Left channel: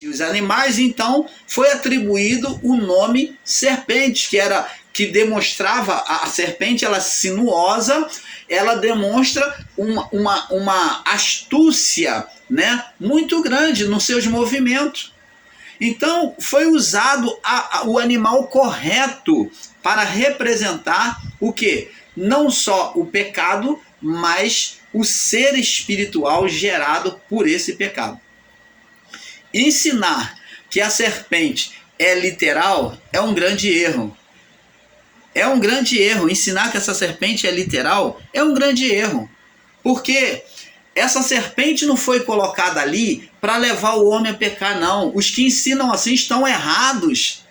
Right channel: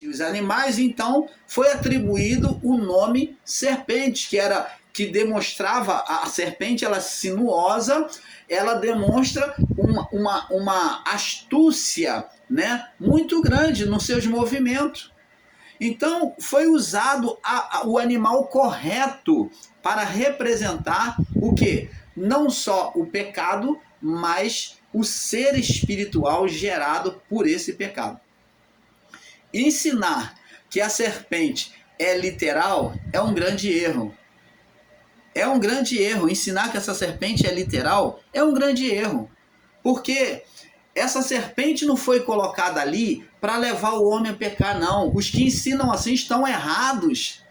E os animais, então, foi atribuído o nome serpente, que demonstrava a serpente, ela sinuosa, ela demonstra uma astúcia, né, muito grande nos seus movimentos. Então, foi usado o animal correto para representar o quê? Não só o pecado, mas o ser espiritual gerado por esse pecado. Ensinar que a serpente é literal é um grande erro. É um grande erro. Ensinar que essa serpente é literal é um grande erro. Porque essa serpente não foi colocada ali para levar o homem a pecar, não. Os que ensinam assim estão errados.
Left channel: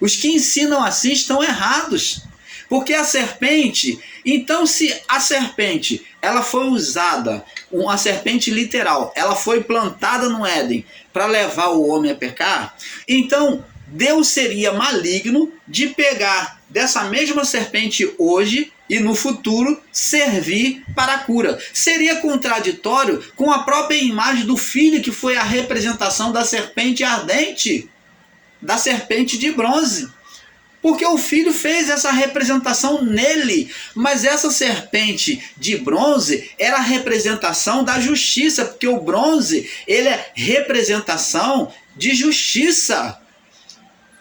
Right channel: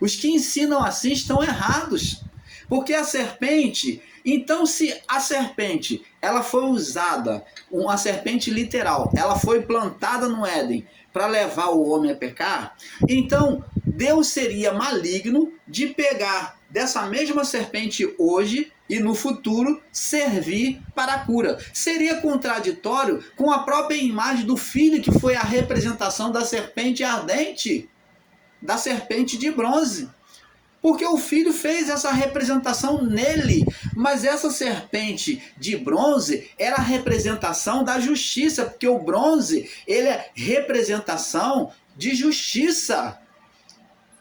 Os que ensinam assim estão errados. Porque a serpente, então se a serpente, ela foi usada, uma serpente literal, ela foi plantada no Éden para levar o homem a pecar, então Deus seria maligno de pegar dessa mesma serpente hoje e no futuro servir para a cura. Seria contraditório com a própria imagem do filho, que foi a representação da serpente ardente, da serpente de bronze. Porque o filho fez essa representação nele, mas essa serpente de bronze era a representação da justiça, porque o bronze, ele é representação de justiça.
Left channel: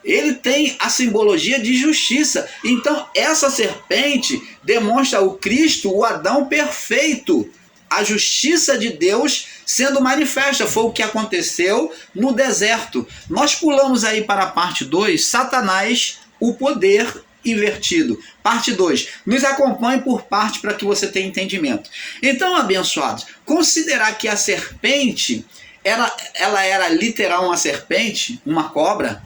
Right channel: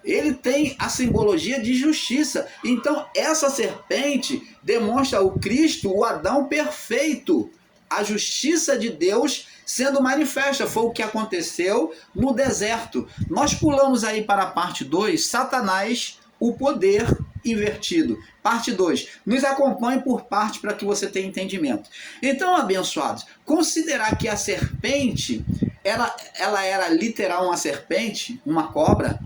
Ele tem a simbologia de justiça. Então, essa serpente demonstra o Cristo, o Adão perfeito. A justiça de Deus sendo manifesta. Foi o que aconteceu no deserto. Nós pulamos aí para a parte 2, Satanás, o poder invertido. Parte 2. Nos acompanhe por parte para que você tenha entendimento. Então, abençoados, considerar que a serpente, ela era literal uma serpente, uma cobra?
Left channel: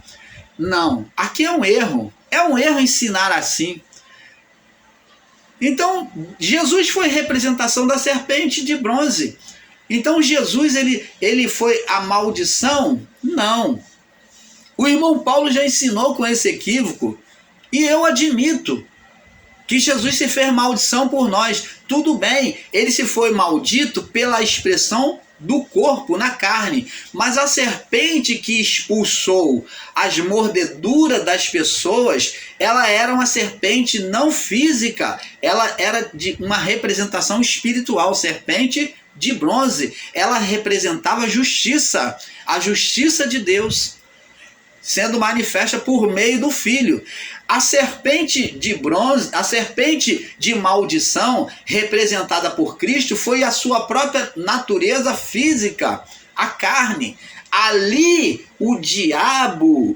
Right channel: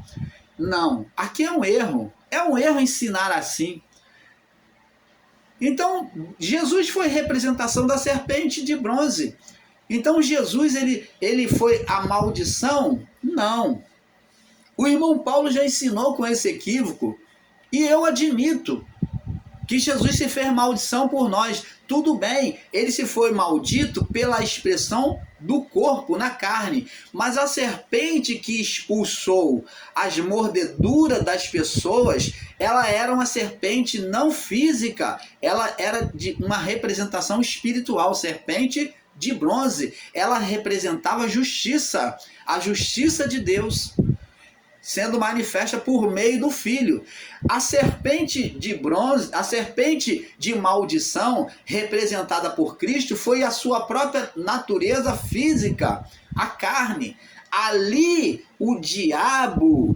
Não. Aqui é um erro. É um erro ensinar assim. Então, Jesus foi representação da serpente de bronze. Então, Jesus, ele foi a maldição? Não. O irmão Paulo já ensinou com esse equívoco, e eu admito que Jesus se fez maldição por nós. Tudo bem, ele se foi maldito pela expressão do corpo na carne, mas a serpente que expulsou as mordeduras das pessoas, ela era uma serpente não física, ela era de uma representação espiritual. Serpente de bronze, ela representava a justiça de Deus sendo manifesta por meio do Filho. A serpente de bronze, a serpente de maldição, representada por Cristo, foi a sua própria natureza física, a carne. Ali o diabo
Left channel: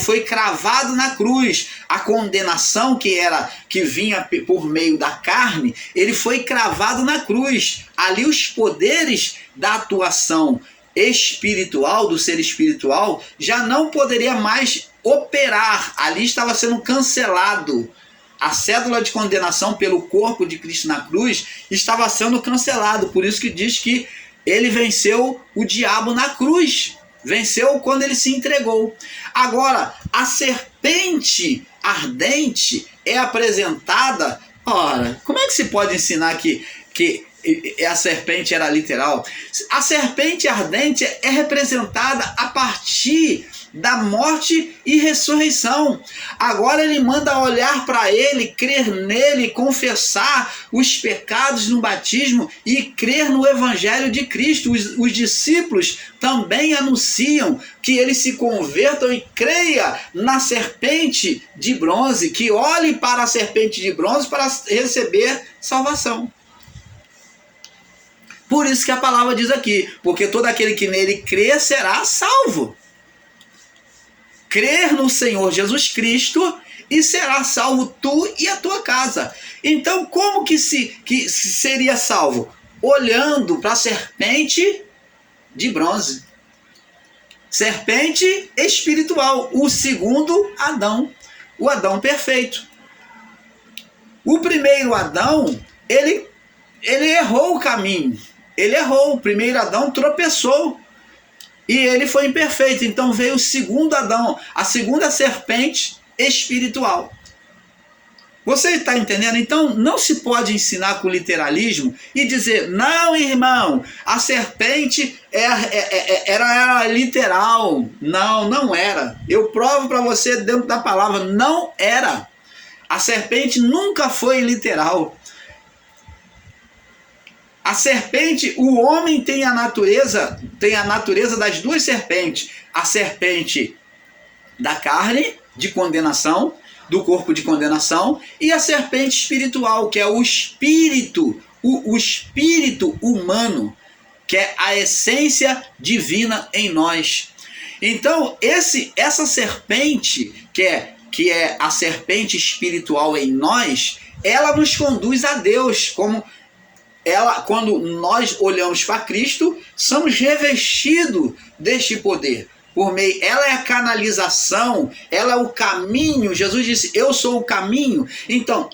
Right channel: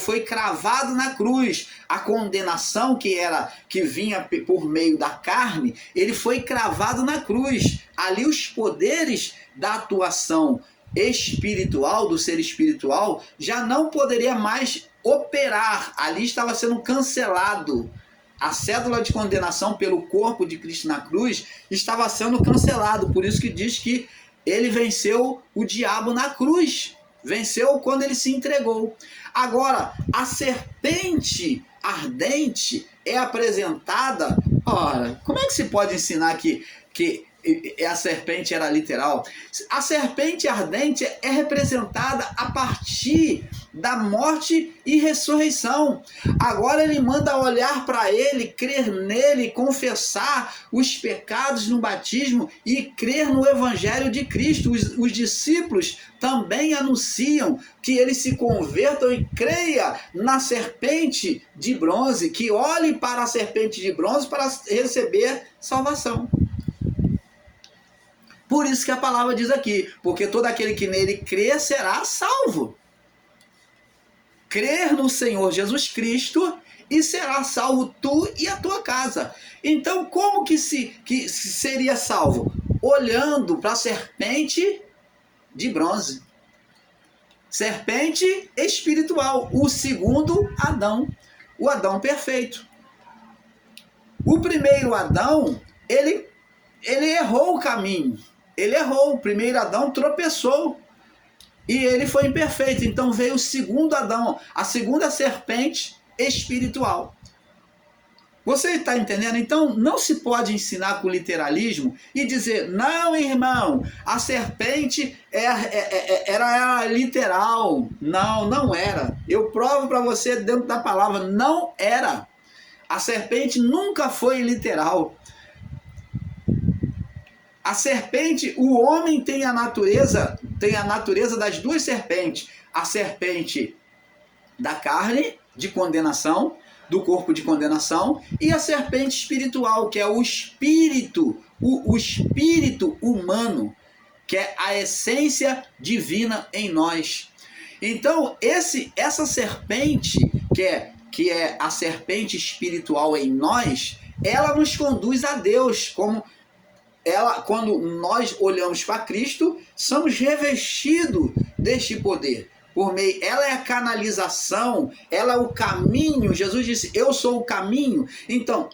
foi cravado na cruz. A condenação que vinha por meio da carne, ele foi cravado na cruz. Ali os poderes da atuação espiritual, do ser espiritual, já não poderia mais operar. Ali estava sendo cancelado. A cédula de condenação pelo corpo de Cristo na cruz estava sendo cancelado. Por isso que diz que ele venceu o diabo na cruz. Venceu quando ele se entregou. Agora, a serpente ardente é apresentada... Ora, como é que se pode ensinar que a serpente era literal? A serpente ardente é representada a partir da morte e ressurreição. Agora ele manda olhar para ele, crer nele, confessar os pecados no batismo e crer no evangelho de Cristo. Os discípulos também anunciam que ele se convertam e creia na serpente de bronze, que olhe para a serpente de bronze para receber salvação. Por isso que a palavra diz aqui, porque todo aquele que nele crê será salvo. Crer no Senhor Jesus Cristo e será salvo tu e a tua casa. Então, como que seria salvo? Olhando para a serpente de bronze. Serpente espiritual, o segundo Adão, o Adão perfeito. O primeiro Adão, ele errou o caminho. Ele errou, o primeiro Adão tropeçou e ele foi imperfeito. Então veio o segundo Adão, a segunda serpente espiritual. Você está entendendo? Então não se pode ensinar com literalismo e dizer, não, irmão, a serpente era literal. Não, não era. Eu provo para você dentro da palavra, não era. A serpente nunca foi literal. A serpente, o homem tem a natureza das duas serpentes. A serpente da carne, de condenação, do corpo de condenação, e a serpente espiritual, que é o espírito, o espírito humano, que é a essência divina em nós. Então, essa serpente, que é a serpente espiritual em nós, ela nos conduz a Deus, quando nós olhamos para Cristo, somos revestidos deste poder. Ela é a canalização, ela é o caminho. Jesus disse, eu sou o caminho. Então,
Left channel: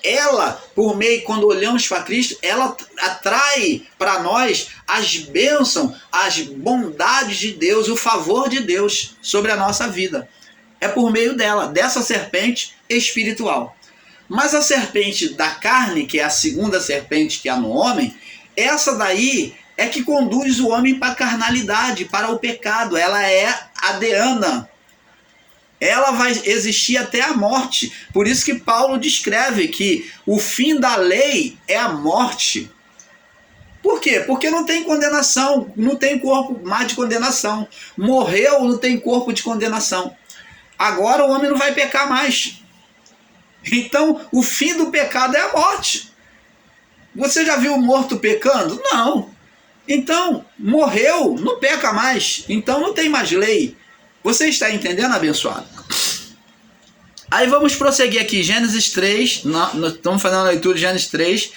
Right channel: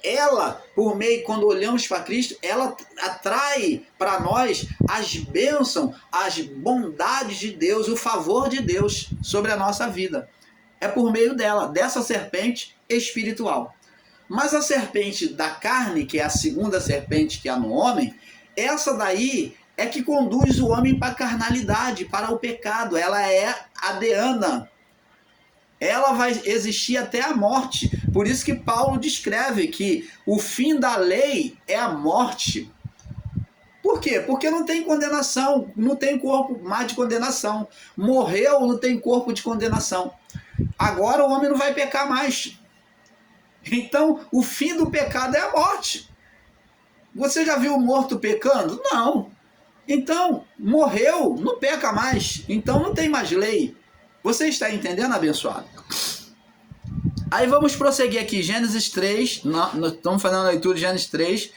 quando olhamos para Cristo, ela atrai para nós as bênçãos, as bondades de Deus, o favor de Deus sobre a nossa vida. É por meio dessa serpente espiritual. Mas a serpente da carne, que é a segunda serpente que há no homem, essa daí é que conduz o homem para a carnalidade, para o pecado. Ela é a deana. Ela vai existir até a morte. Por isso que Paulo descreve que o fim da lei é a morte. Por quê? Porque não tem condenação, não tem corpo mais de condenação. Morreu, não tem corpo de condenação. Agora o homem não vai pecar mais. Então, o fim do pecado é a morte. Você já viu o morto pecando? Não. Então, morreu, não peca mais. Então, não tem mais lei. Você está entendendo, abençoado? Aí vamos prosseguir aqui. Gênesis 3. Nós estamos fazendo a leitura de Gênesis 3.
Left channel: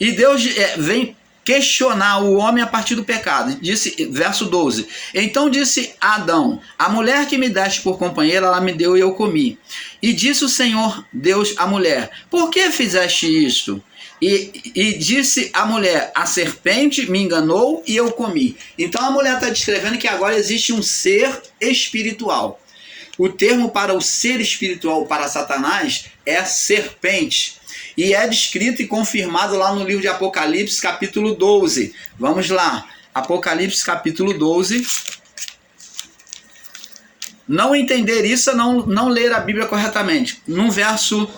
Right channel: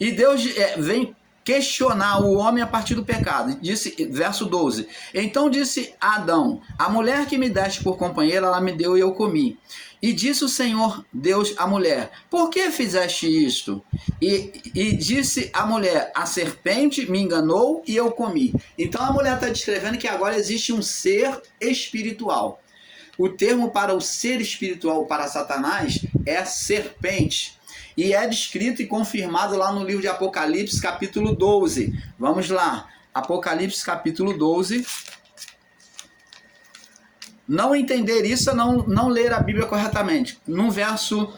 E Deus vem questionar o homem a partir do pecado. Disse, verso 12. Então disse Adão, a mulher que me deste por companheira, ela me deu e eu comi. E disse o Senhor Deus à mulher, por que fizeste isto? E disse a mulher, a serpente me enganou e eu comi. Então a mulher está descrevendo que agora existe um ser espiritual. O termo para o ser espiritual para Satanás é serpente. E é descrito e confirmado lá no livro de Apocalipse, capítulo 12. Vamos lá. Apocalipse, capítulo 12. Não entender isso é não ler a Bíblia corretamente. No verso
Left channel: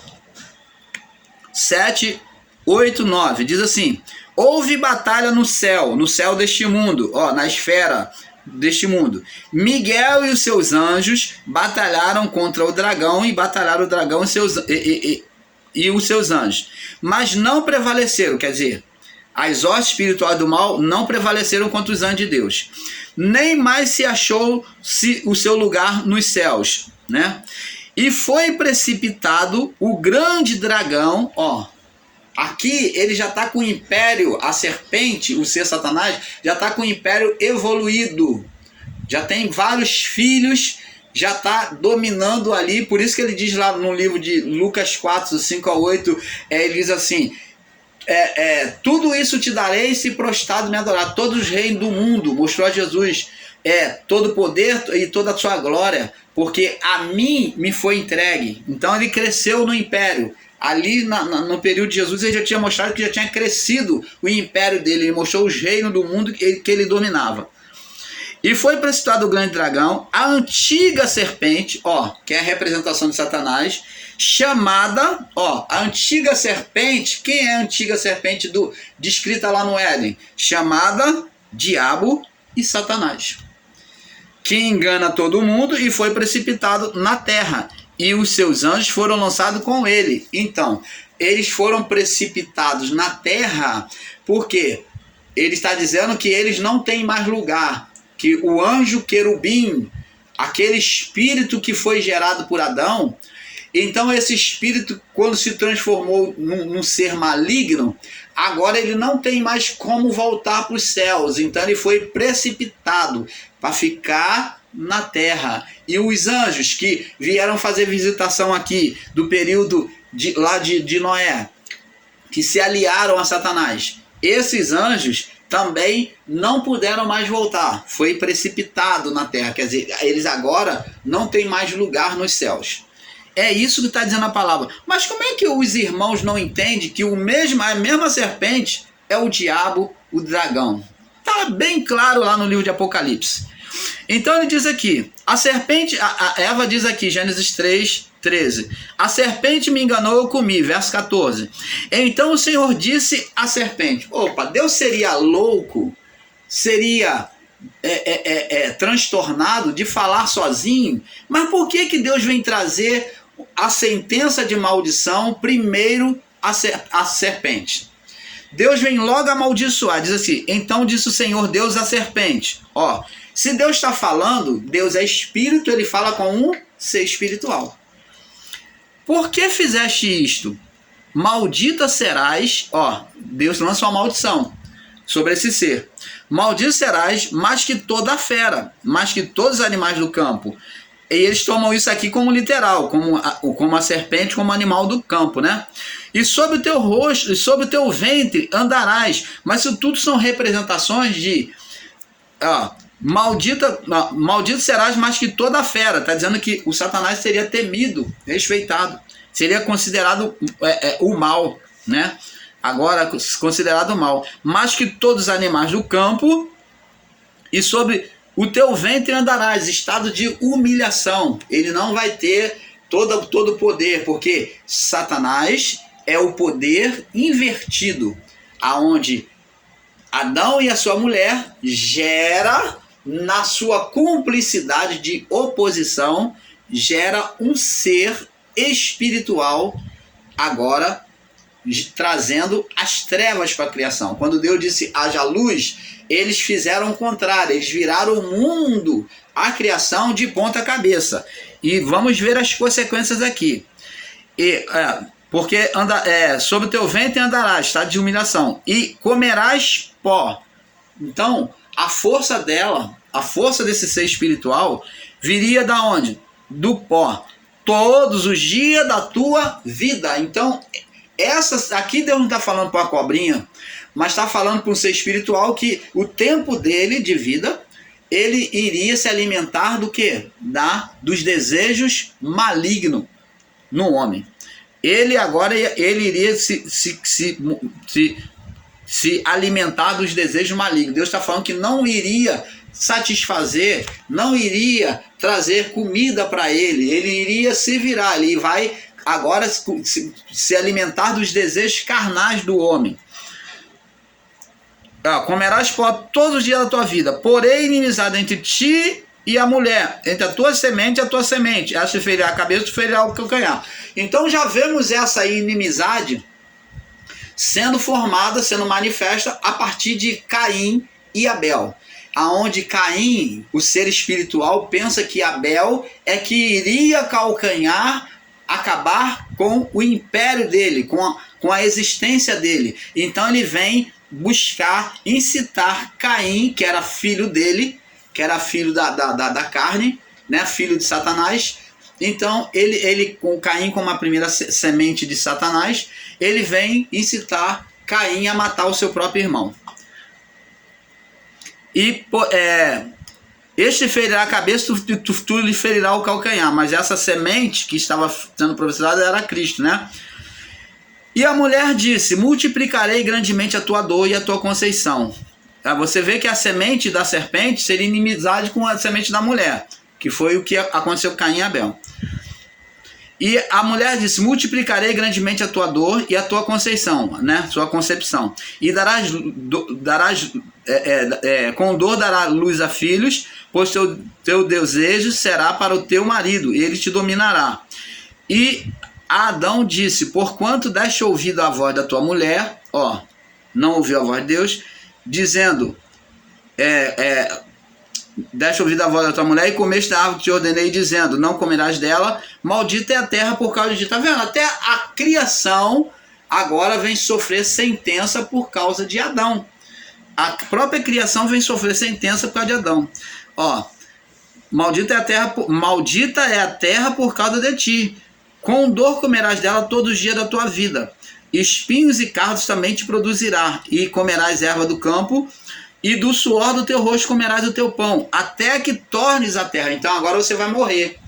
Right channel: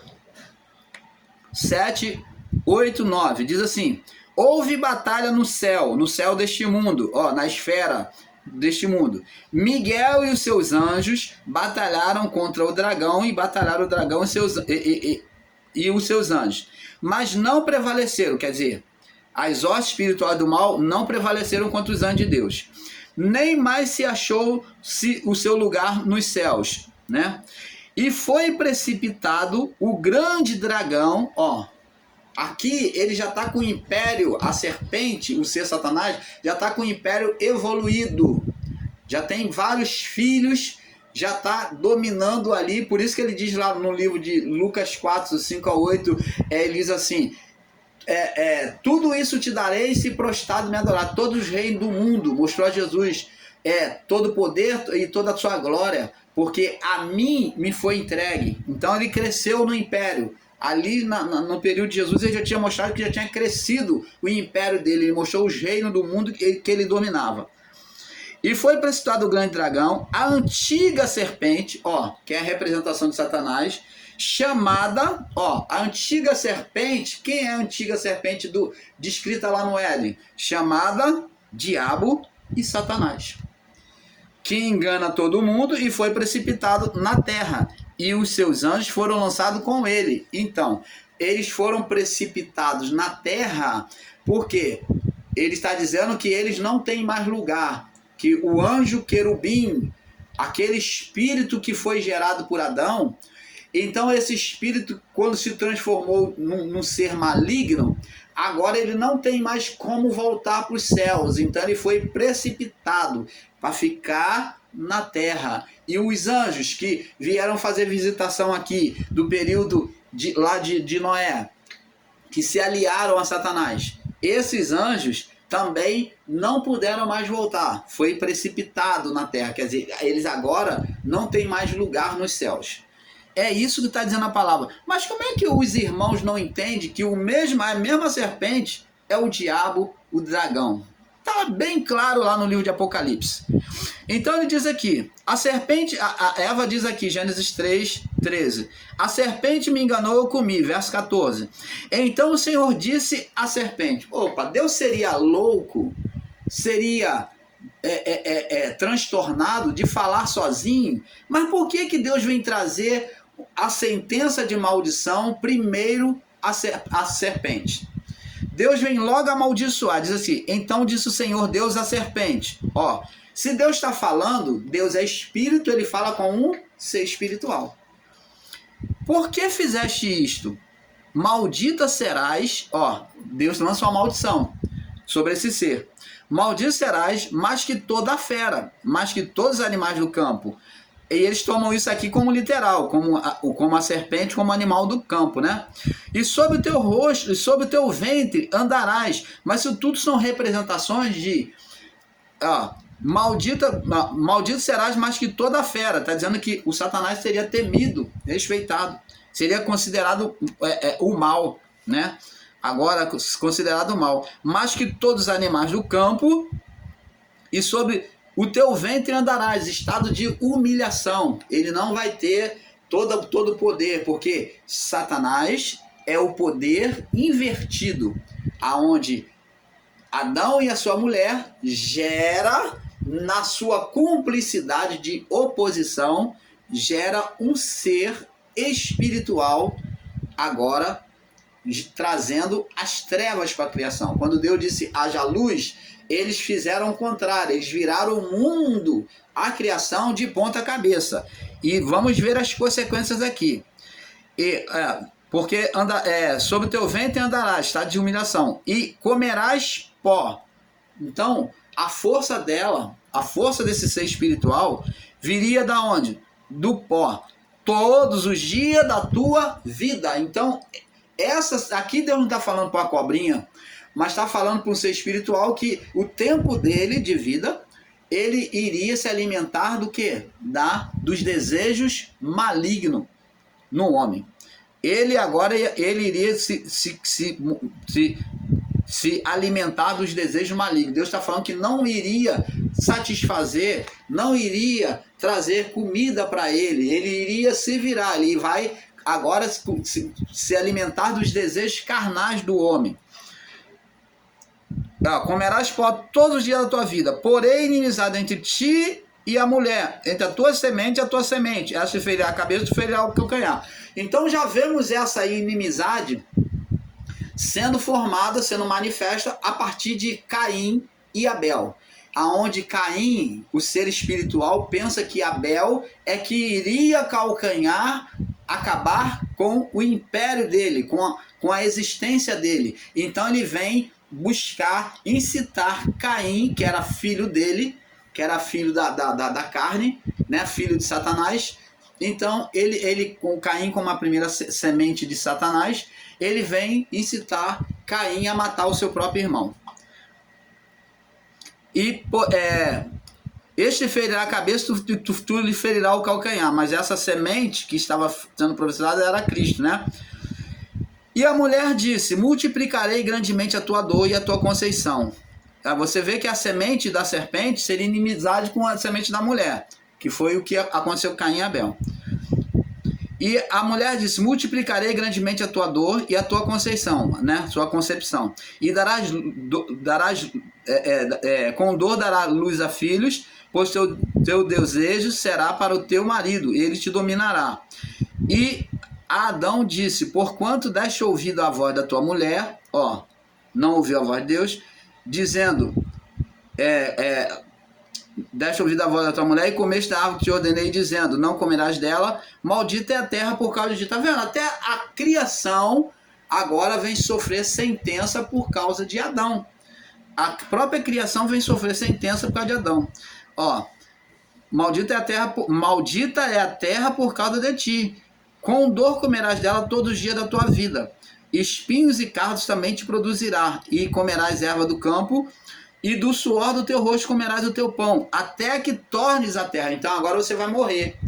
7, 8, 9. Diz assim, houve batalha no céu deste mundo, na esfera deste mundo. Miguel e os seus anjos batalharam contra o dragão e batalharam o dragão e os seus anjos, mas não prevaleceram, quer dizer, as hostes espirituais do mal não prevaleceram contra os anjos de Deus, nem mais se achou o seu lugar nos céus, né? E foi precipitado o grande dragão, aqui ele já está com o império, a serpente, o ser Satanás, já está com o império evoluído, já tem vários filhos, já está dominando ali, por isso que ele diz lá no livro de Lucas 4, 5 a 8, ele diz assim, tudo isso te darei se prostrado me adorar, todos os reinos do mundo, mostrou a Jesus, todo o poder e toda a sua glória, porque a mim me foi entregue. Então ele cresceu no império, ali no período de Jesus ele já tinha mostrado que já tinha crescido o império dele, ele mostrou os reinos do mundo que ele dominava. E foi precipitado o grande dragão, a antiga serpente, que é a representação de Satanás, chamada, a antiga serpente, quem é a antiga serpente descrita lá no Éden? Chamada Diabo e Satanás, que engana todo mundo e foi precipitado na terra, e os seus anjos foram lançados com ele. Então, eles foram precipitados na terra, porque ele está dizendo que eles não têm mais lugar, que o anjo querubim, aquele espírito que foi gerado por Adão, então esse espírito, quando se transformou num ser maligno, agora ele não tem mais como voltar para os céus, então ele foi precipitado para ficar na terra. E os anjos que vieram fazer visitação aqui do período de Noé, que se aliaram a Satanás, esses anjos também não puderam mais voltar, foi precipitado na terra, quer dizer, eles agora não têm mais lugar nos céus. É isso que está dizendo a palavra. Mas como é que os irmãos não entendem que a mesma serpente é o diabo, o dragão? Está bem claro lá no livro de Apocalipse. Então ele diz aqui, a serpente, a Eva diz aqui, Gênesis 3:13, a serpente me enganou, eu comi, verso 14. Então o Senhor disse à serpente, opa, Deus seria louco, seria transtornado de falar sozinho, mas por que Deus vem trazer a sentença de maldição primeiro a serpente? Deus vem logo amaldiçoar, diz assim, então disse o Senhor Deus à serpente, ó, se Deus está falando, Deus é espírito, ele fala com um ser espiritual. Por que fizeste isto? Maldita serás, ó, Deus lança uma maldição sobre esse ser. Maldito serás mais que toda a fera, mais que todos os animais do campo. E eles tomam isso aqui como literal, como a serpente, como animal do campo, né? E sobre o teu rosto, e sobre o teu ventre andarás. Mas isso tudo são representações de... maldito serás mais que toda a fera. Está dizendo que o Satanás seria temido, respeitado. Seria considerado o mal, né? Agora considerado o mal. Mais que todos os animais do campo, e sobre o teu ventre andarás, estado de humilhação. Ele não vai ter todo o poder, porque Satanás é o poder invertido, aonde Adão e a sua mulher gera, na sua cumplicidade de oposição, gera um ser espiritual, agora trazendo as trevas para a criação. Quando Deus disse haja luz, eles fizeram o contrário, eles viraram o mundo, a criação de ponta cabeça. E vamos ver as consequências aqui. Porque sobre o teu ventre andarás, estado de humilhação, e comerás pó. Então, a força dela, a força desse ser espiritual, viria da onde? Do pó. Todos os dias da tua vida. Então, aqui Deus não está falando para a cobrinha, mas está falando para um ser espiritual que o tempo dele de vida, ele iria se alimentar do quê? Dos desejos malignos no homem. Ele agora iria se alimentar dos desejos malignos. Deus está falando que não iria satisfazer, não iria trazer comida para ele. Ele iria se virar, ele vai agora se alimentar dos desejos carnais do homem. Comerás pó todos os dias da tua vida, porém inimizade entre ti e a mulher, entre a tua semente e a tua semente. Ela te ferirá a cabeça, te ferirá o calcanhar. Então já vemos essa inimizade sendo formada, sendo manifesta a partir de Caim e Abel. Aonde Caim, o ser espiritual, pensa que Abel é que iria calcanhar, acabar com o império dele, com a existência dele. Então ele vem buscar, incitar Caim, que era filho dele, que era filho da carne, né, filho de Satanás. Então ele com Caim como a primeira semente de Satanás, ele vem incitar Caim a matar o seu próprio irmão. E este ferirá a cabeça, tu lhe ferirá o calcanhar. Mas essa semente que estava sendo profetizada era Cristo, né? E a mulher disse, multiplicarei grandemente a tua dor e a tua conceição. Você vê que a semente da serpente seria inimizade com a semente da mulher, que foi o que aconteceu com Caim e Abel. E a mulher disse, multiplicarei grandemente a tua dor e a tua conceição, né? Sua concepção. E com dor dará luz a filhos, pois teu desejo será para o teu marido, e ele te dominará. E Adão disse, porquanto deste ouvido à voz da tua mulher, não ouviu a voz de Deus, dizendo, deste ouvido à voz da tua mulher e comeste a árvore que te ordenei, dizendo, não comerás dela, maldita é a terra por causa de ti. Tá vendo? Até a criação agora vem sofrer sentença por causa de Adão. A própria criação vem sofrer sentença por causa de Adão. Maldita é a terra por causa de ti. Com dor comerás dela todos os dias da tua vida. Espinhos e cardos também te produzirá, e comerás erva do campo, e do suor do teu rosto comerás o teu pão, até que tornes a terra. Então agora você vai morrer.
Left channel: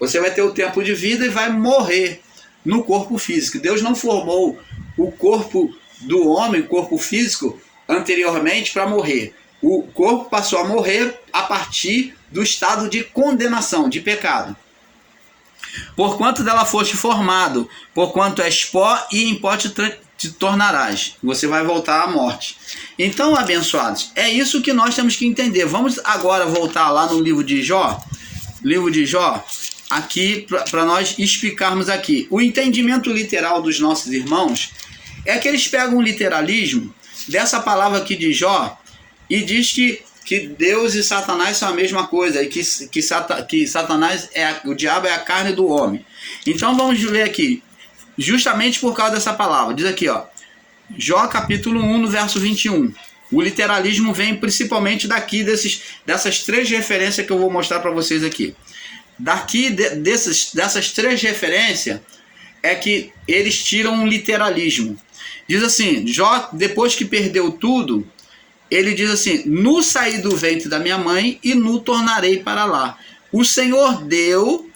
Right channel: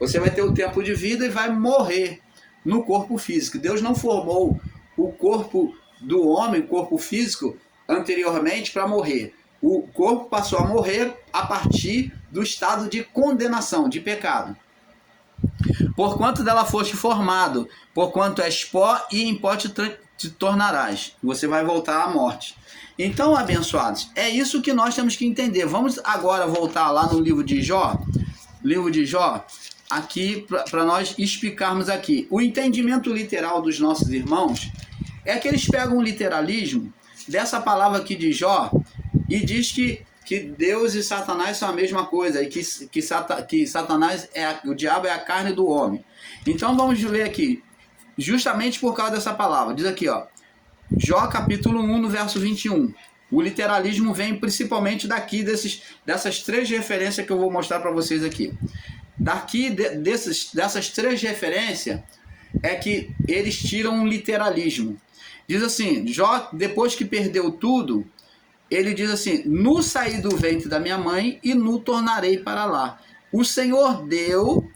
Você vai ter o tempo de vida e vai morrer no corpo físico. Deus não formou o corpo do homem, o corpo físico, anteriormente para morrer. O corpo passou a morrer a partir do estado de condenação, de pecado. Porquanto dela foste formado, porquanto és pó e em pó te tornarás. Você vai voltar à morte. Então, abençoados, é isso que nós temos que entender. Vamos agora voltar lá no livro de Jó. Livro de Jó, aqui, para nós explicarmos aqui. O entendimento literal dos nossos irmãos é que eles pegam o literalismo dessa palavra aqui de Jó e diz que Deus e Satanás são a mesma coisa, e que Satanás o diabo é a carne do homem. Então vamos ler aqui, justamente por causa dessa palavra. Diz aqui, ó, Jó capítulo 1, no verso 21. O literalismo vem principalmente daqui, dessas três referências que eu vou mostrar para vocês aqui. Daqui, dessas três referências, é que eles tiram um literalismo. Diz assim, Jó, depois que perdeu tudo, ele diz assim: nu saí do ventre da minha mãe e nu tornarei para lá. O Senhor deu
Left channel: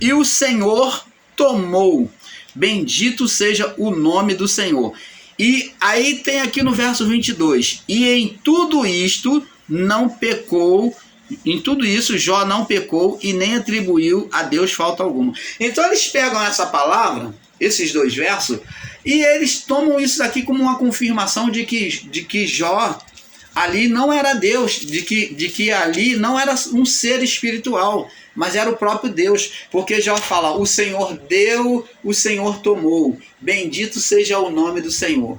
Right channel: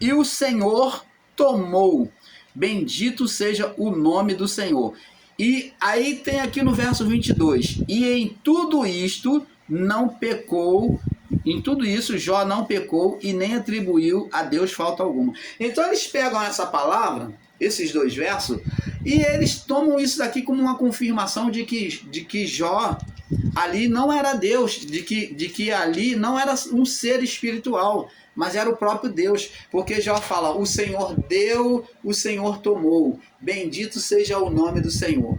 e o Senhor tomou. Bendito seja o nome do Senhor. E aí tem aqui no verso 22. E em tudo isto não pecou. Em tudo isso Jó não pecou e nem atribuiu a Deus falta alguma. Então eles pegam essa palavra, esses dois versos, e eles tomam isso daqui como uma confirmação de que Jó ali não era Deus, de que ali não era um ser espiritual, mas era o próprio Deus, porque Jó fala: o Senhor deu, o Senhor tomou, bendito seja o nome do Senhor.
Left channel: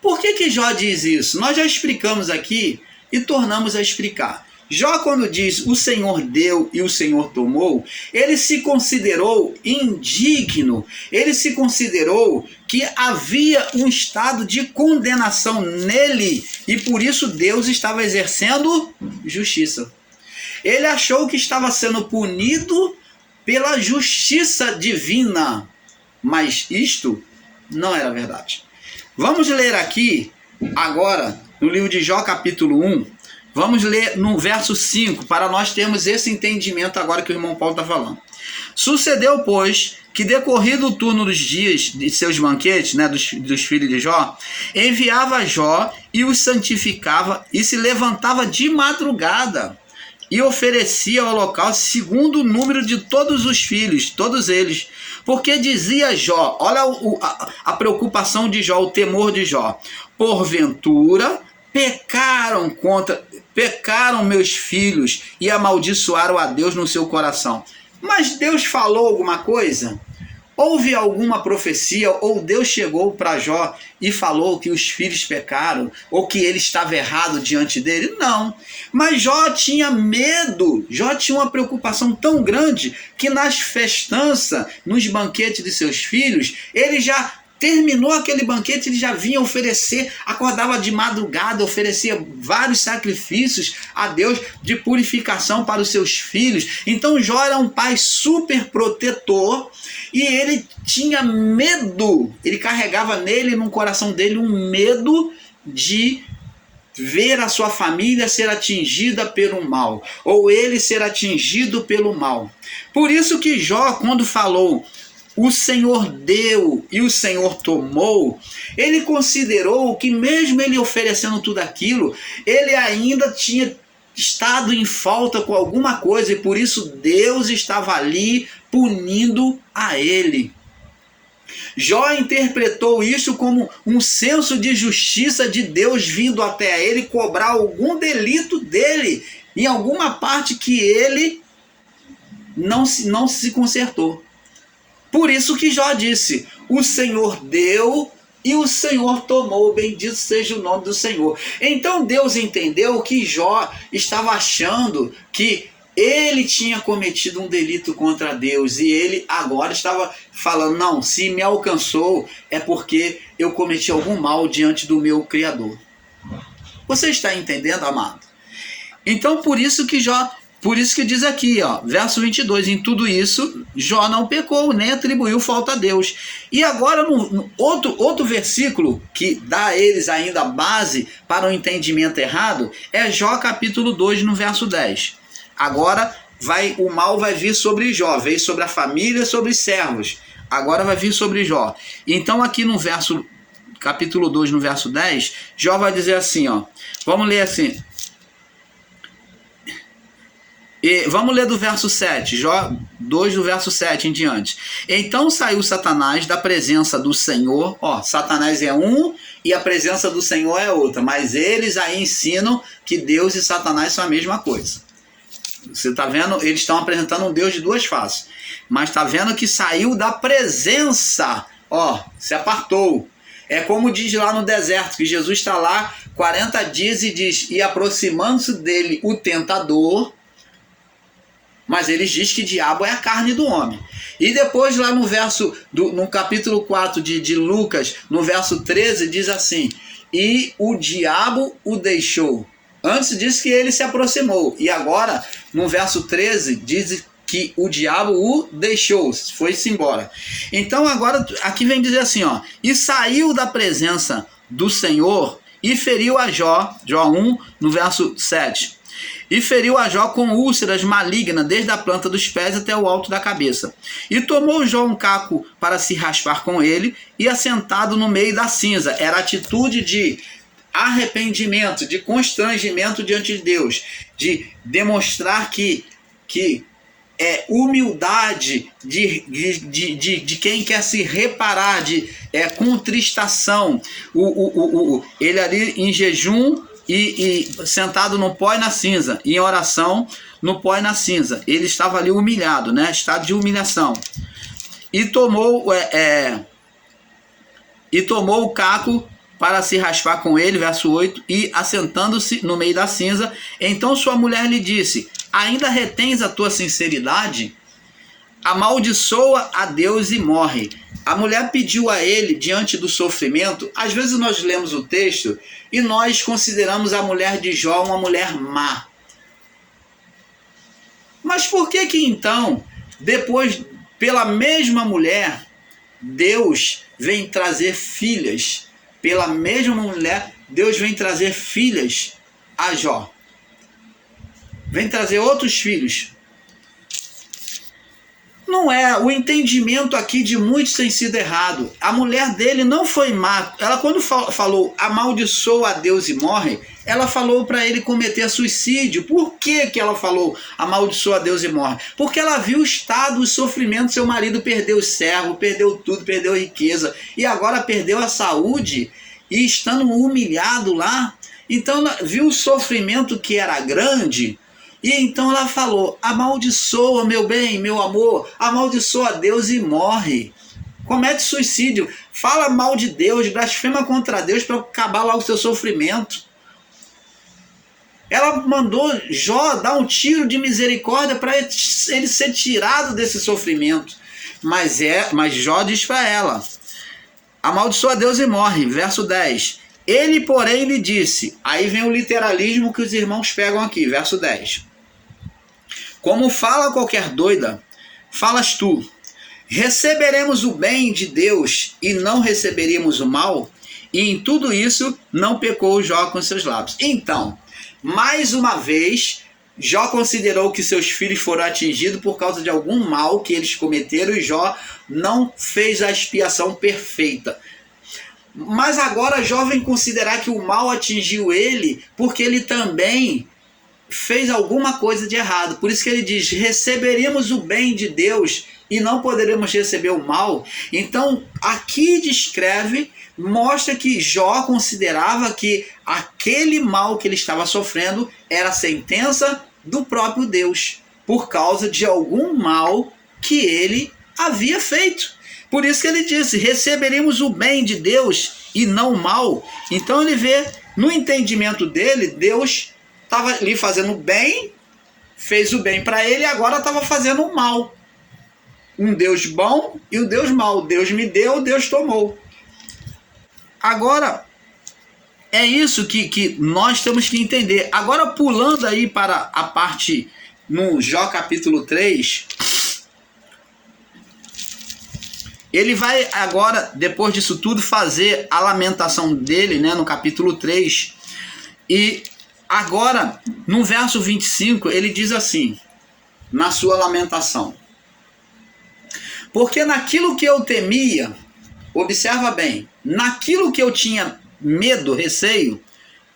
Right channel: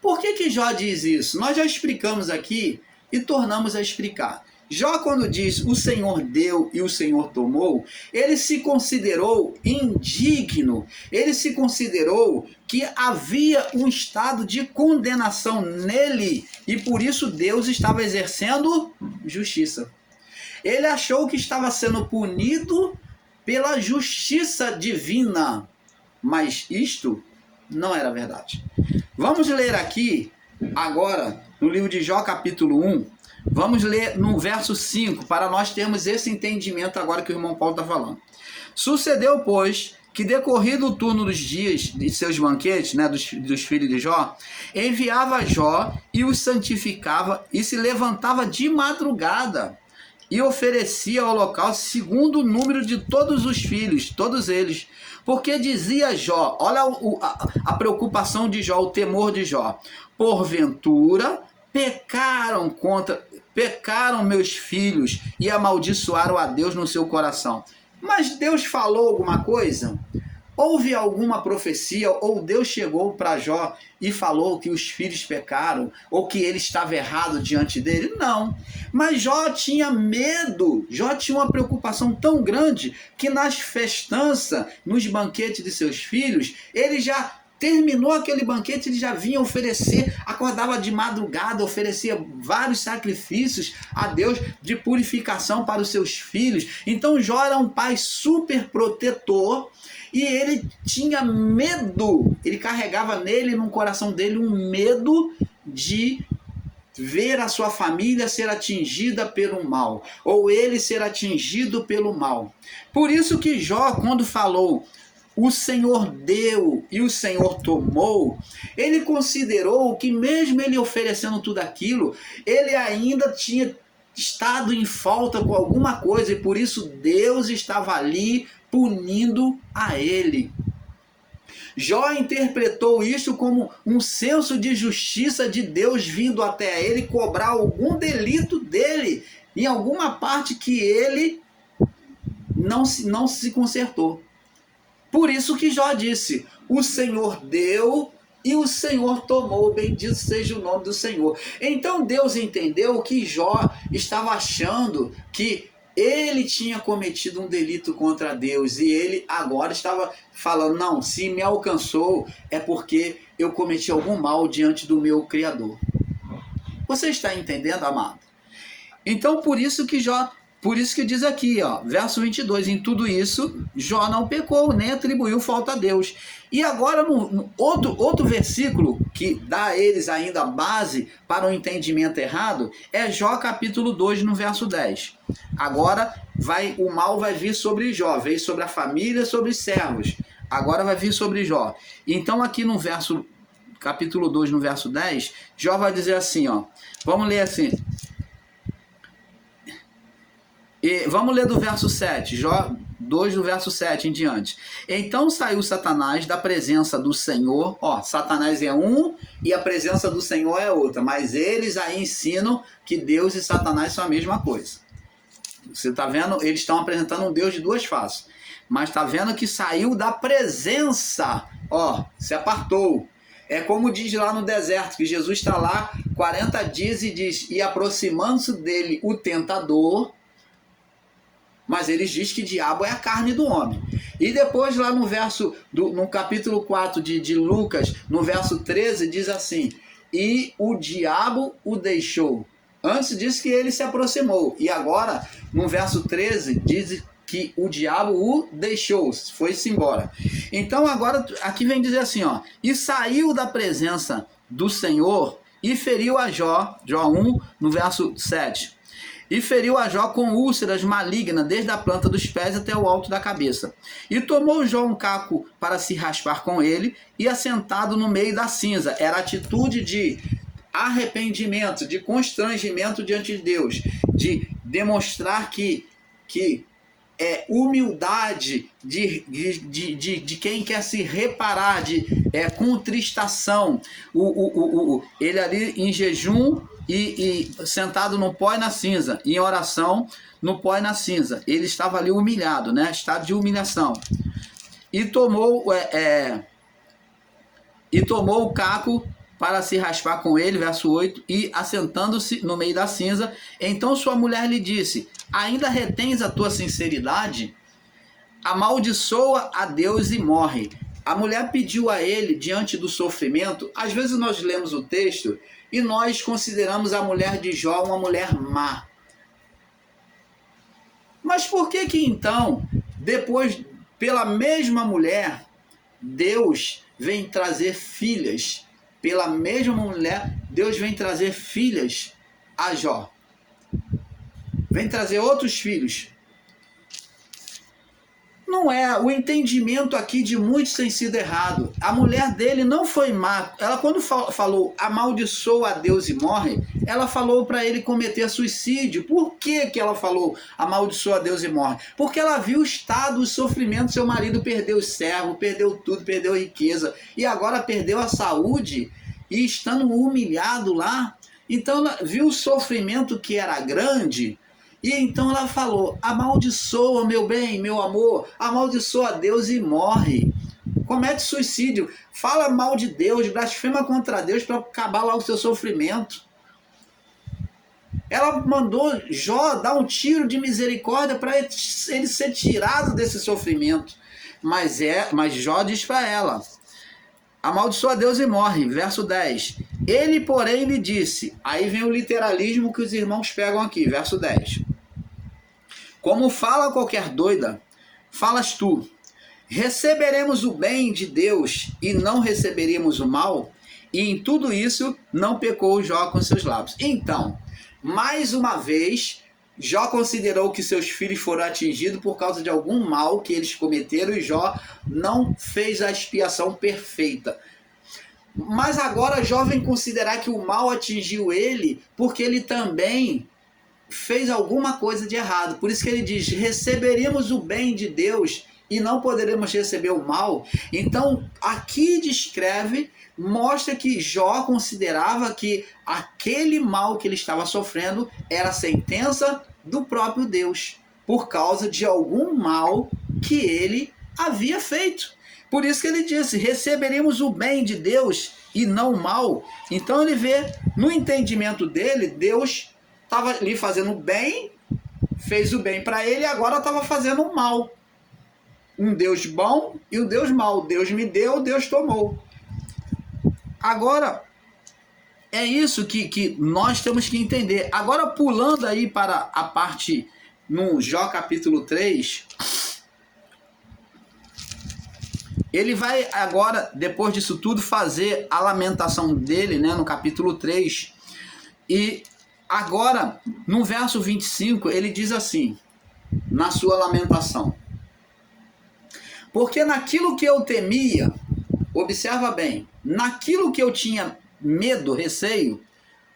Por que Jó diz isso? Nós já explicamos aqui e tornamos a explicar. Jó, quando diz o Senhor deu e o Senhor tomou, ele se considerou indigno, ele se considerou que havia um estado de condenação nele e por isso Deus estava exercendo justiça. Ele achou que estava sendo punido pela justiça divina, mas isto não era verdade. Vamos ler aqui agora no livro de Jó capítulo 1, vamos ler no verso 5, para nós termos esse entendimento agora que o irmão Paulo está falando. Sucedeu, pois, que decorrido o turno dos dias de seus banquetes, né, dos filhos de Jó, enviava Jó e os santificava e se levantava de madrugada e oferecia holocausto segundo o número de todos os filhos, todos eles. Porque dizia Jó, olha a preocupação de Jó, o temor de Jó: porventura pecaram meus filhos e amaldiçoaram a Deus no seu coração. Mas Deus falou alguma coisa? Houve alguma profecia? Ou Deus chegou para Jó e falou que os filhos pecaram? Ou que ele estava errado diante dele? Não. Mas Jó tinha medo. Jó tinha uma preocupação tão grande que nas festanças, nos banquetes de seus filhos, ele já terminou aquele banquete, ele já vinha oferecer, acordava de madrugada, oferecia vários sacrifícios a Deus de purificação para os seus filhos. Então Jó era um pai super protetor e ele tinha medo, ele carregava nele, no coração dele, um medo de ver a sua família ser atingida pelo mal, ou ele ser atingido pelo mal. Por isso que Jó, quando falou o Senhor deu e o Senhor tomou, ele considerou que mesmo ele oferecendo tudo aquilo, ele ainda tinha estado em falta com alguma coisa e por isso Deus estava ali punindo a ele. Jó interpretou isso como um senso de justiça de Deus vindo até ele cobrar algum delito dele em alguma parte que ele não se consertou. Por isso que Jó disse: o Senhor deu e o Senhor tomou, bendito seja o nome do Senhor. Então Deus entendeu que Jó estava achando que ele tinha cometido um delito contra Deus e ele agora estava falando: não, se me alcançou é porque eu cometi algum mal diante do meu Criador. Você está entendendo, amado? Então por isso que Jó Por isso que diz aqui, ó, verso 22, em tudo isso, Jó não pecou, nem atribuiu falta a Deus. E agora, no outro versículo, que dá a eles ainda base para o entendimento errado, é Jó capítulo 2, no verso 10. Agora, o mal vai vir sobre Jó, veio sobre a família, sobre os servos. Agora vai vir sobre Jó. Então, aqui no verso, capítulo 2, no verso 10, Jó vai dizer assim, ó, vamos ler assim... E vamos ler do verso 7, Jó 2, do verso 7 em diante. Então saiu Satanás da presença do Senhor. Ó, Satanás é um e a presença do Senhor é outra. Mas eles aí ensinam que Deus e Satanás são a mesma coisa. Você está vendo? Eles estão apresentando um Deus de duas faces. Mas está vendo que saiu da presença. Ó, se apartou. É como diz lá no deserto, que Jesus está lá 40 dias e diz, e aproximando-se dele o tentador... Mas eles dizem que diabo é a carne do homem. E depois lá no capítulo 4 de Lucas, no verso 13, diz assim, e o diabo o deixou. Antes disse que ele se aproximou. E agora, no verso 13, diz que o diabo o deixou, foi-se embora. Então agora, aqui vem dizer assim, ó, e saiu da presença do Senhor e feriu a Jó, Jó 1, no verso 7. E feriu a Jó com úlceras malignas, desde a planta dos pés até o alto da cabeça. E tomou Jó um caco para se raspar com ele, e assentado no meio da cinza. Era atitude de arrependimento, de constrangimento diante de Deus, de demonstrar que é humildade de quem quer se reparar, de contristação. Ele ali em jejum, e sentado no pó e na cinza, em oração no pó e na cinza. Ele estava ali humilhado, né? Estado de humilhação. E tomou o caco para se raspar com ele, verso 8, e assentando-se no meio da cinza, então sua mulher lhe disse, ainda retens a tua sinceridade? Amaldiçoa a Deus e morre. A mulher pediu a ele, diante do sofrimento, às vezes nós lemos o texto e nós consideramos a mulher de Jó uma mulher má. Mas por que então, depois, pela mesma mulher, Deus vem trazer filhas? Pela mesma mulher, Deus vem trazer filhas a Jó. Vem trazer outros filhos. Não é, o entendimento aqui de muitos tem sido errado. A mulher dele não foi má. Ela, quando falou amaldiçoa a Deus e morre, ela falou para ele cometer suicídio. Por que ela falou amaldiçoa a Deus e morre? Porque ela viu o estado, o sofrimento. Seu marido perdeu o servo, perdeu tudo, perdeu a riqueza e agora perdeu a saúde e estando humilhado lá. Então viu o sofrimento que era grande. E então ela falou, amaldiçoa meu bem, meu amor, amaldiçoa a Deus e morre. Comete suicídio, fala mal de Deus, blasfema contra Deus para acabar lá o seu sofrimento. Ela mandou Jó dar um tiro de misericórdia para ele ser tirado desse sofrimento. Mas Jó diz para ela, amaldiçoa a Deus e morre, verso 10. Ele, porém, lhe disse, aí vem o literalismo que os irmãos pegam aqui, verso 10. Como fala qualquer doida, falas tu, receberemos o bem de Deus e não receberíamos o mal? E em tudo isso não pecou Jó com seus lábios. Então, mais uma vez, Jó considerou que seus filhos foram atingidos por causa de algum mal que eles cometeram e Jó não fez a expiação perfeita. Mas agora Jó vem considerar que o mal atingiu ele porque ele também fez alguma coisa de errado. Por isso que ele diz, receberemos o bem de Deus e não poderemos receber o mal. Então, aqui descreve, mostra que Jó considerava que aquele mal que ele estava sofrendo era a sentença do próprio Deus, por causa de algum mal que ele havia feito. Por isso que ele disse, receberemos o bem de Deus e não o mal. Então ele vê, no entendimento dele, Deus estava ali fazendo bem, fez o bem para ele e agora estava fazendo o mal. Um Deus bom e um Deus mau. Deus me deu, Deus tomou. Agora, é isso que nós temos que entender. Agora, pulando aí para a parte no Jó capítulo 3, ele vai agora, depois disso tudo, fazer a lamentação dele, né, no capítulo 3. E agora, no verso 25, ele diz assim, na sua lamentação: porque naquilo que eu temia, observa bem, naquilo que eu tinha medo, receio,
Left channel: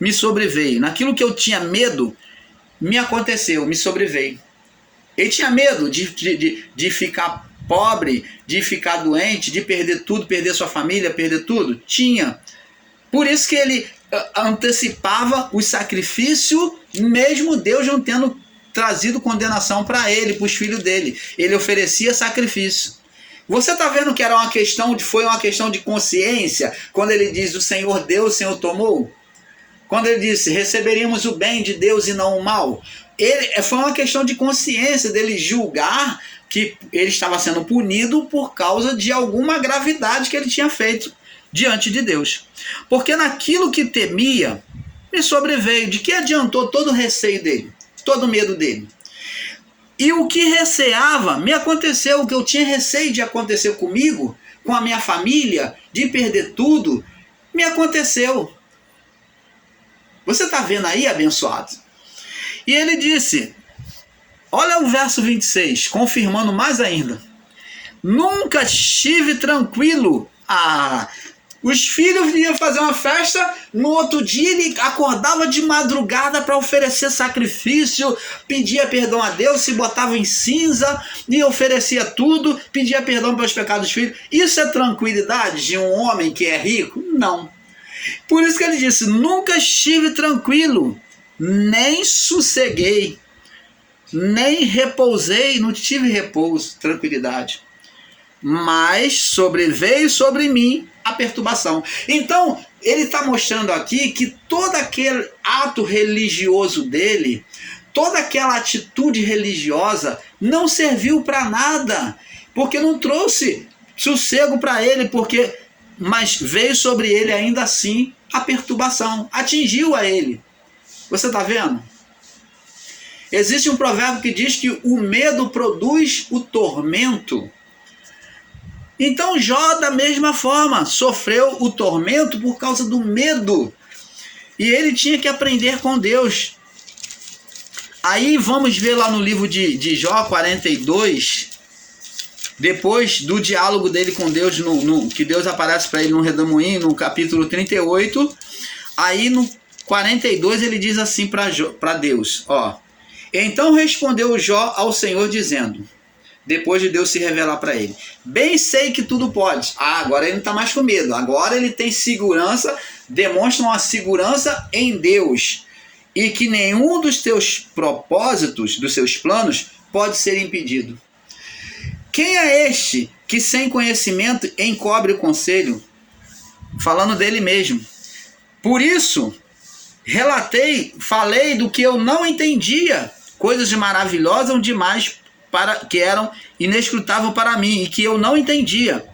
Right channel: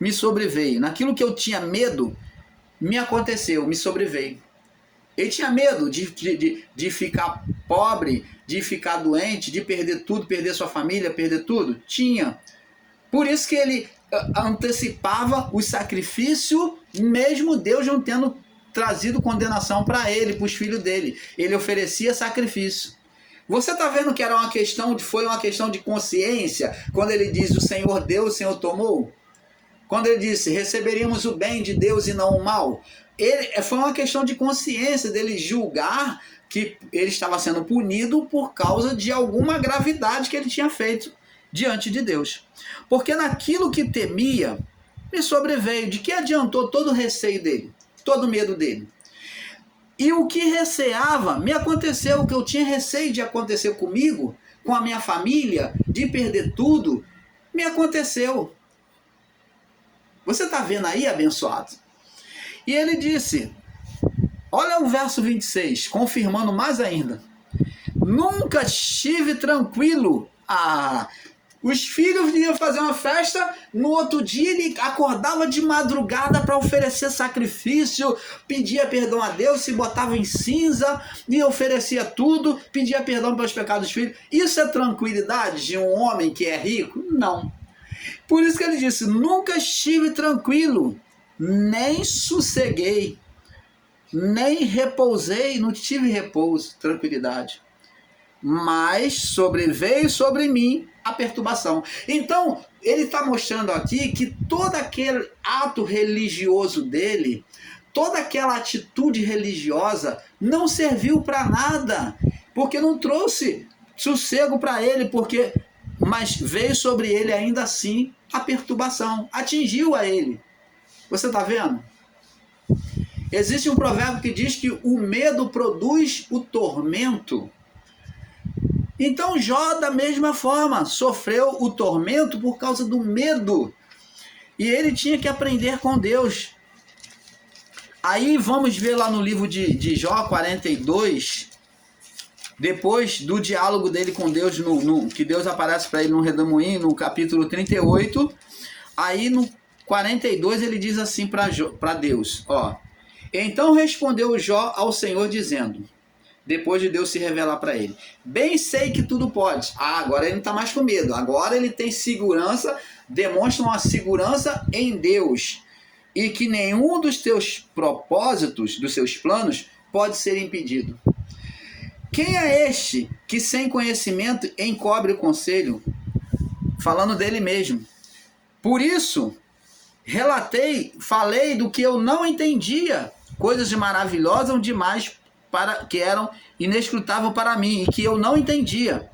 me sobreveio. Naquilo que eu tinha medo, me aconteceu, me sobreveio. Ele tinha medo de ficar pobre, de ficar doente, de perder tudo, perder sua família, perder tudo? Tinha. Por isso que ele antecipava o sacrifício, mesmo Deus não tendo trazido condenação para ele, para os filhos dele. Ele oferecia sacrifício. Você está vendo que foi uma questão de consciência, quando ele diz: o Senhor deu, o Senhor tomou? Quando ele disse: receberíamos o bem de Deus e não o mal? Foi uma questão de consciência dele julgar que ele estava sendo punido por causa de alguma gravidade que ele tinha feito diante de Deus. Porque naquilo que temia, me sobreveio. De que adiantou todo o receio dele, todo o medo dele? E o que receava, me aconteceu. O que eu tinha receio de acontecer comigo, com a minha família, de perder tudo, me aconteceu. Você está vendo aí, abençoado? E ele disse, olha o verso 26, confirmando mais ainda: nunca estive tranquilo. Os filhos iam fazer uma festa, no outro dia ele acordava de madrugada para oferecer sacrifício, pedia perdão a Deus, se botava em cinza e oferecia tudo, pedia perdão pelos pecados dos filhos. Isso é tranquilidade de um homem que é rico? Não. Por isso que ele disse: nunca estive tranquilo, nem sosseguei, nem repousei, não tive repouso, tranquilidade. Mas sobreveio sobre mim a perturbação. Então, ele está mostrando aqui que todo aquele ato religioso dele, toda aquela atitude religiosa não serviu para nada, porque não trouxe sossego para ele, mas veio sobre ele ainda assim a perturbação, atingiu a ele. Você está vendo? Existe um provérbio que diz que o medo produz o tormento. Então Jó, da mesma forma, sofreu o tormento por causa do medo. E ele tinha que aprender com Deus. Aí vamos ver lá no livro de Jó 42, depois do diálogo dele com Deus, que Deus aparece para ele no redemoinho, no capítulo 38. Aí no 42 ele diz assim para Deus, ó: então respondeu Jó ao Senhor dizendo, depois de Deus se revelar para ele: bem sei que tudo pode. Agora ele não está mais com medo, agora ele tem segurança, demonstra uma segurança em Deus, e que nenhum dos teus propósitos, dos seus planos, pode ser impedido. Quem é este que sem conhecimento encobre o conselho? Falando dele mesmo. Por isso falei do que eu não entendia, coisas maravilhosas demais que eram inescrutáveis para mim e que eu não entendia.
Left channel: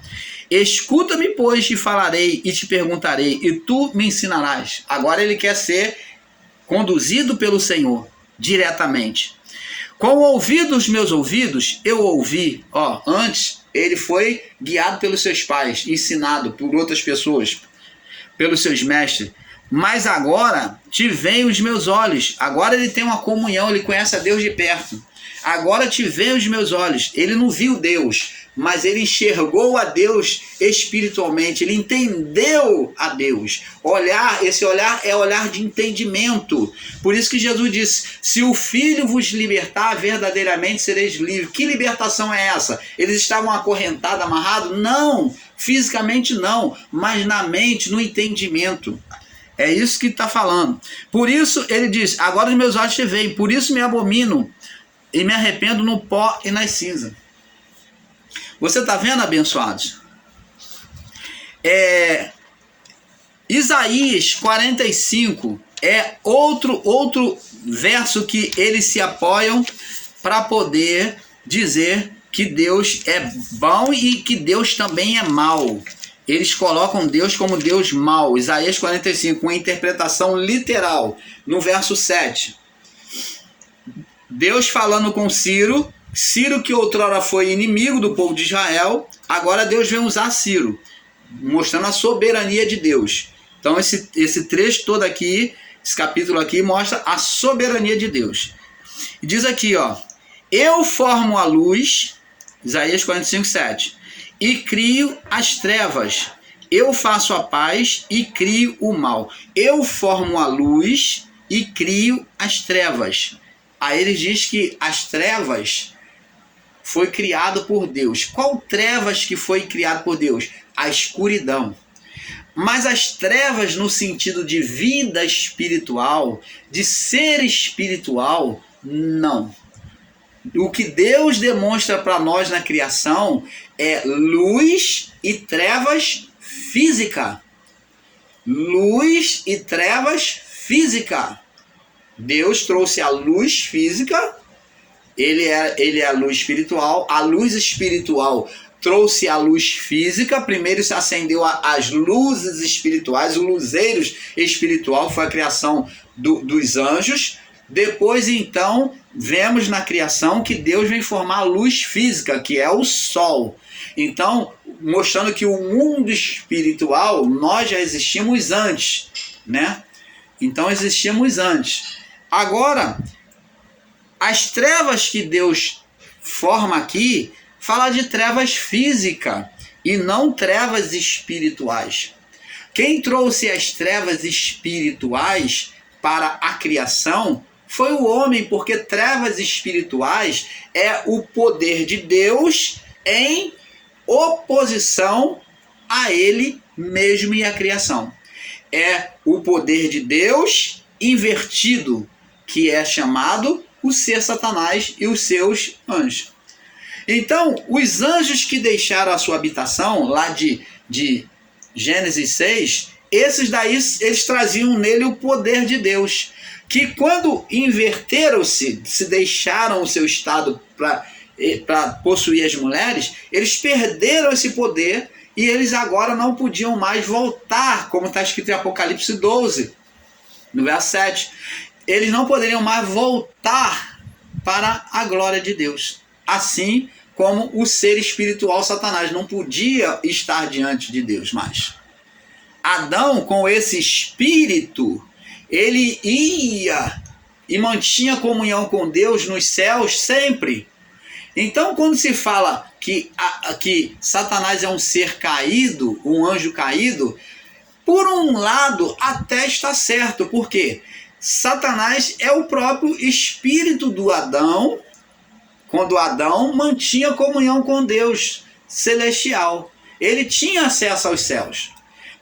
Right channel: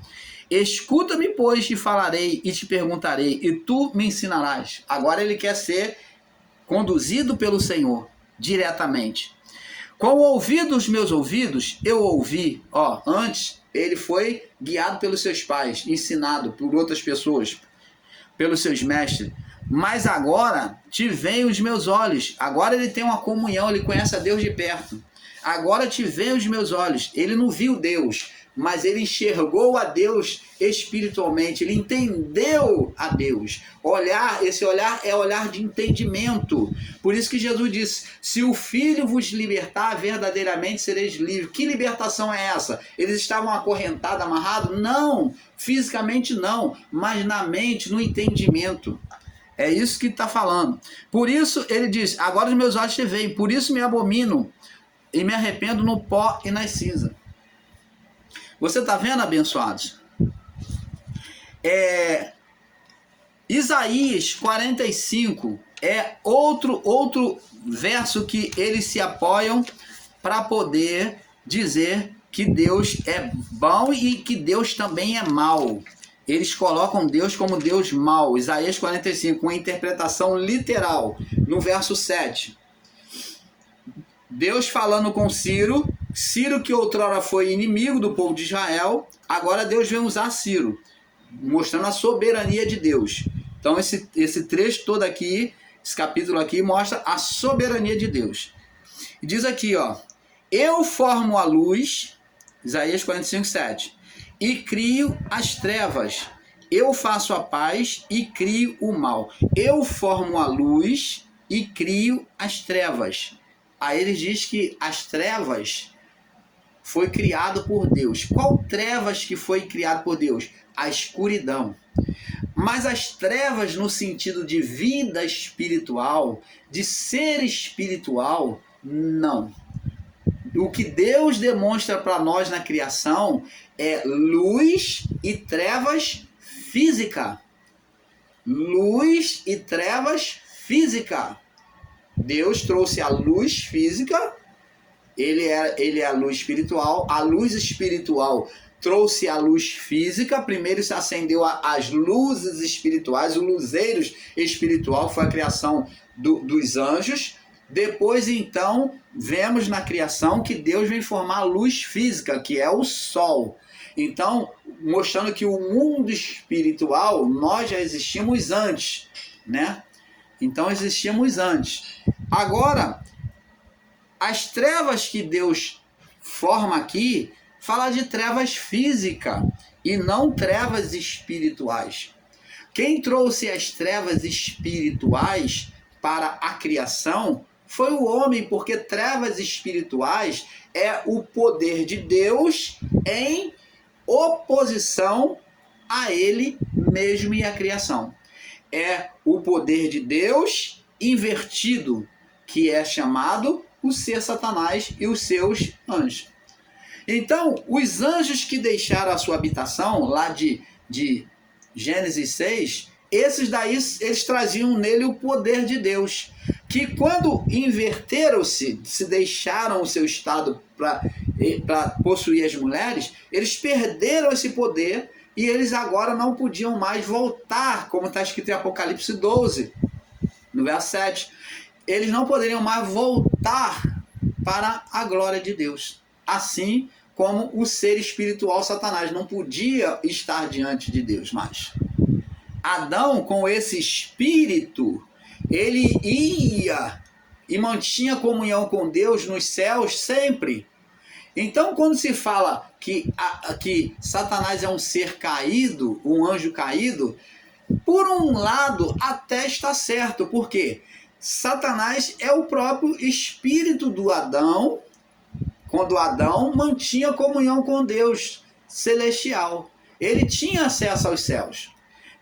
Escuta-me, pois, te falarei e te perguntarei, e tu me ensinarás. Agora ele quer ser conduzido pelo Senhor diretamente. Com o ouvido dos meus ouvidos, eu ouvi. Antes ele foi guiado pelos seus pais, ensinado por outras pessoas, pelos seus mestres. Mas agora te veem os meus olhos. Agora ele tem uma comunhão, ele conhece a Deus de perto. Agora te veem os meus olhos. Ele não viu Deus, mas ele enxergou a Deus espiritualmente. Ele entendeu a Deus. Esse olhar é olhar de entendimento. Por isso que Jesus disse: se o Filho vos libertar, verdadeiramente sereis livres. Que libertação é essa? Eles estavam acorrentados, amarrados? Não, fisicamente não, mas na mente, no entendimento. É isso que está falando. Por isso ele diz: agora os meus olhos te veem, por isso me abomino e me arrependo no pó e nas cinzas. Você está vendo, abençoados? Isaías 45 é outro verso que eles se apoiam para poder dizer que Deus é bom e que Deus também é mau. Eles colocam Deus como Deus mau. Isaías 45, uma interpretação literal, no verso 7. Deus falando com Ciro, Ciro que outrora foi inimigo do povo de Israel, agora Deus vem usar Ciro, mostrando a soberania de Deus. Então esse trecho todo aqui, esse capítulo aqui, mostra a soberania de Deus. E diz aqui, ó, eu formo a luz, Isaías 45:7, e crio as trevas. Eu faço a paz e crio o mal. Eu formo a luz e crio as trevas. Aí ele diz que as trevas foi criado por Deus. Qual trevas que foi criado por Deus? A escuridão. Mas as trevas no sentido de vida espiritual, de ser espiritual, não. O que Deus demonstra para nós na criação é luz e trevas física. Luz e trevas física. Deus trouxe a luz física, ele é a luz espiritual. A luz espiritual trouxe a luz física. Primeiro se acendeu as luzes espirituais, o luzeiro espiritual, foi a criação dos anjos. Depois, então, vemos na criação que Deus vem formar a luz física, que é o sol. Então, mostrando que o mundo espiritual, nós já existimos antes, né? Então, existimos antes. Agora, as trevas que Deus forma aqui, fala de trevas físicas e não trevas espirituais. Quem trouxe as trevas espirituais para a criação foi o homem, porque trevas espirituais é o poder de Deus em oposição a ele mesmo e à criação. É o poder de Deus invertido, que é chamado o ser Satanás e os seus anjos. Então, os anjos que deixaram a sua habitação, lá de Gênesis 6, esses daí, eles traziam nele o poder de Deus, que quando inverteram-se, se deixaram o seu estado para possuir as mulheres, eles perderam esse poder e eles agora não podiam mais voltar, como está escrito em Apocalipse 12, no verso 7. Eles não poderiam mais voltar para a glória de Deus. Assim como o ser espiritual Satanás não podia estar diante de Deus mais. Adão, com esse espírito, ele ia e mantinha comunhão com Deus nos céus sempre. Então, quando se fala que Satanás é um ser caído, um anjo caído, por um lado até está certo, porque Satanás é o próprio espírito do Adão, quando Adão mantinha comunhão com Deus celestial. Ele tinha acesso aos céus.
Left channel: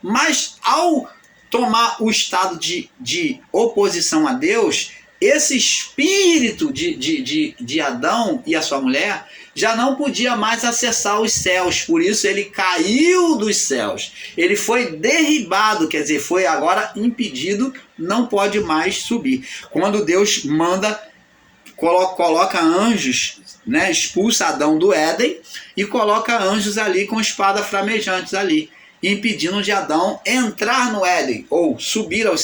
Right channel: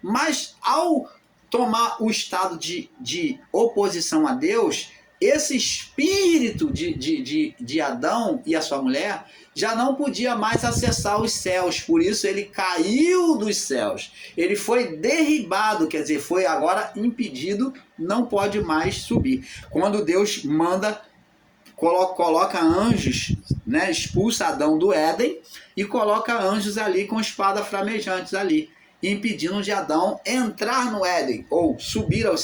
Mas ao tomar o estado de oposição a Deus, esse espírito de Adão e a sua mulher já não podia mais acessar os céus. Por isso ele caiu dos céus. Ele foi derribado, quer dizer, foi agora impedido, não pode mais subir. Quando Deus manda, coloca anjos, né, expulsa Adão do Éden e coloca anjos ali com espada flamejantes ali, impedindo de Adão entrar no Éden ou subir aos